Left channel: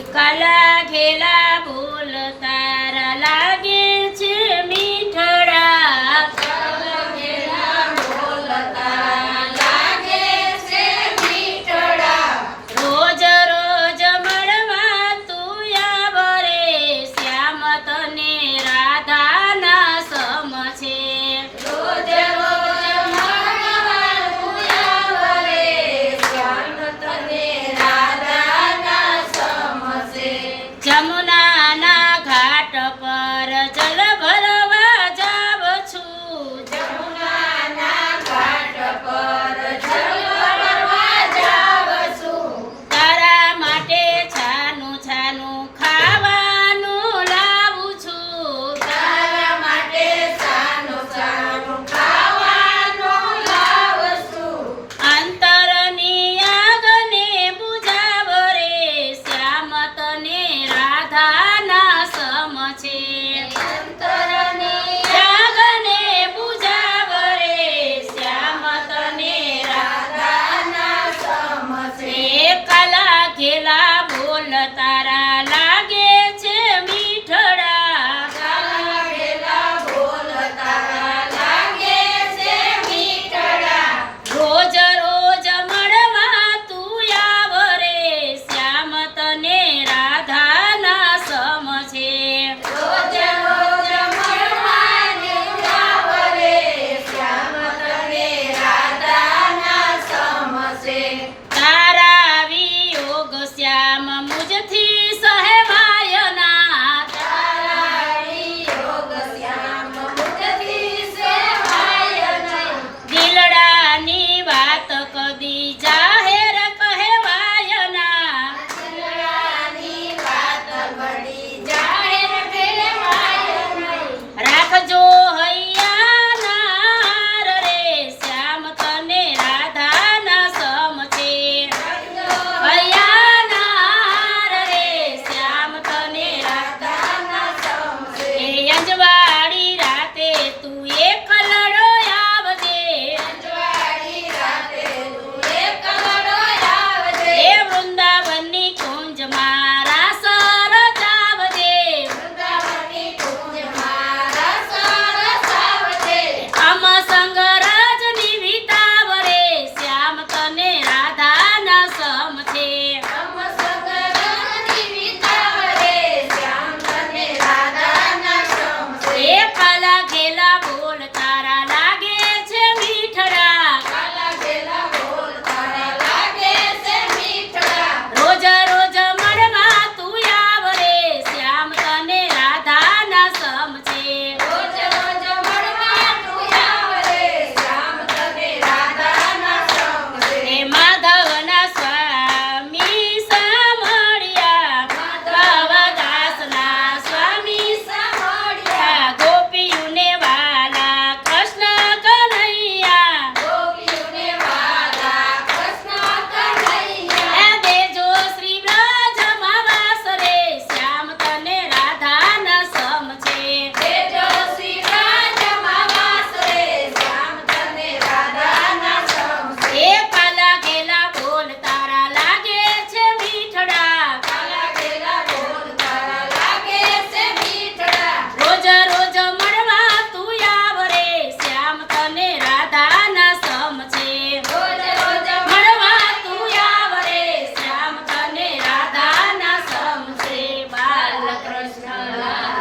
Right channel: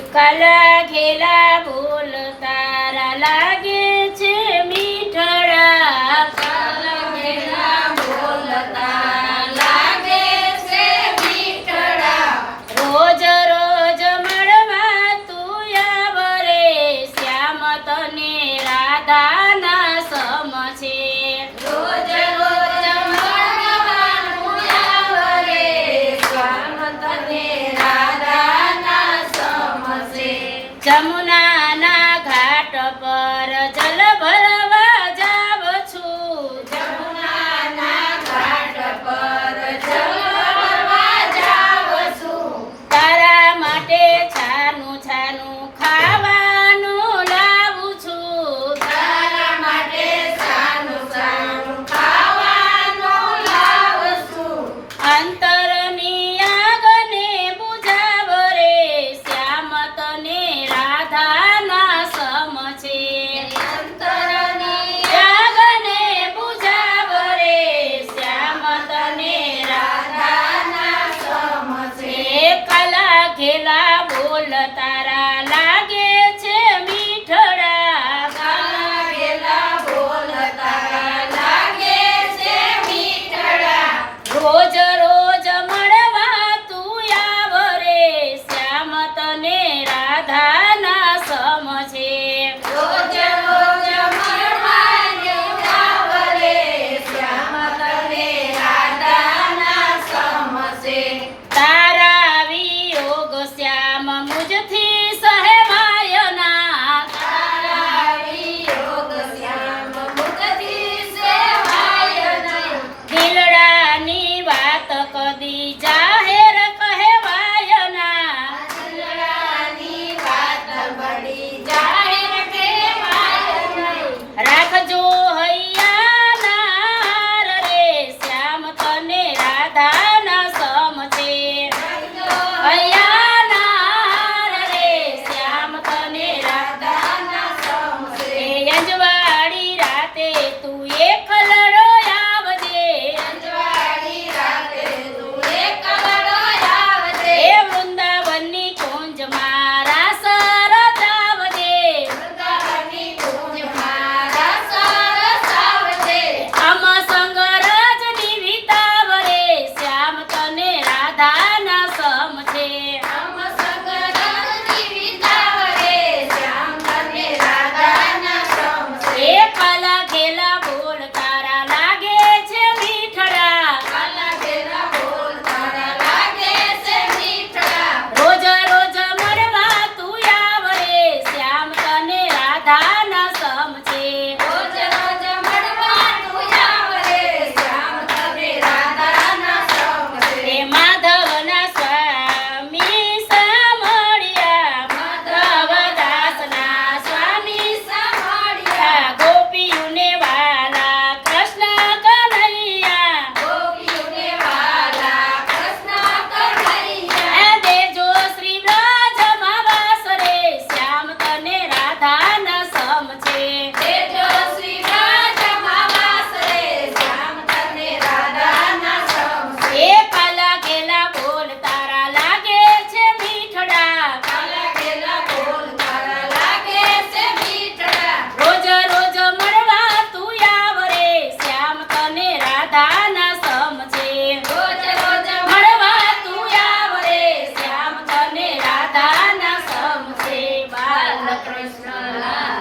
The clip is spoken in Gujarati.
કાલા ઘેલા બોલ તારા લાગે છે મીઠડા. કાલા ઘેલા બોલ તારા લાગે છે મીઠડા. રોજ રોજ મળવા તું આવરે શ્યામ તને રાધાના સમ છે. રોજ રોજ મળવા તું આવરે શ્યામ તને રાધાના સમસે. જમુનાના ઘાટ પર જલ ભરવા જાવ છું. જમુનાના ઘાટ પર જલ ભરવા જાઉં છું. તારા માટે છાનું છાનું ખાવાનું લાવું છું. તારા માટે સાનું સાનું ખાવાનું લાવું છું. અંતરની આગને બુઝાવ રે શ્યામ તને રાધાના સમ છે. અંતરની આગને બુઝાવ રે શ્યામ તને રાધાના સમસે. કાલા ઘેલા બોલ તારા લાગે છે મીઠડા. કાલા ઘેલા બોલ તારા લાગે છે મીઠડા. રોજ રોજ મળવા તું આવરે શ્યામ તને રાધાના સમ છે. રોજ રોજ મળવાને આવરે શ્યામ તને રાધાના સમસે. તારા વિયોગ શ્યામ મુજથી સહેવાય ના. તારા વિયોગ શ્યામ મુજથી સેવાય નહીં. દિલડાની વાત કદી જાહેર કહેવાય ના. દિલડાની વાત ઘડી જાહેર કહેવાય નહીં. રાખજો હૈયાના રે શ્યામ તને રાધાના સમ છે. હૈયાના રે શ્યામ તને રાધાના સમસે. અંજવાળી રાતે તું એકલડો આવજે. અંજવાળી રાતે તું એકલડો આવજે. એ વૃંદાવનની કુંજમાં રાસ રચાવજે. વૃંદાવનની કુંજમાં રસ રસાવજે. આમ સંગ રજની વિતાવરે શ્યામ તને રાધાના સમ છે. રમ સંગ રજની વિતાવરે શ્યામ તને રાધાના સમસે. એ કાલા ઘેલા બોલ તારા લાગે છે મીઠડા. કાલા ઘેલા બોલ તારા લાગે છે મીઠડા. રોજ રોજ મળવા તું આવરે શ્યામ તને રાધાના સમ છે. રોજ રોજ મળવા તું આવરે શ્યામ તને રાધાના સમસે. એ માધવના સ્વામી સામળિયા માધવદાસના સ્વામી સાંભળ્યા ગોપીઓને વાલા કૃષ્ણ કનૈયા. ગોપીઓને વાલા કૃષ્ણ કનૈયા. આ દેજો શ્રી બ્રજમાં વાસ રે શ્યામ તને રાધાના સમ છે. દેજો શ્રી રાજમાં વાસ રે શ્યામ તને રાધાના સમસે. એ કાલા ઘેલા બોલ તારા લાગે છે મીઠડા. કાલા ઘેલા બોલ તારા લાગે છે મીઠડા. રોજ રોજ મળવા તું આવરે શ્યામ તને રાધાના સમ છે. રોજ રોજ મળવા તું આવરે શ્યામ તને રાધાના સમ છે. બાલકૃષ્ણ કૃષ્ણ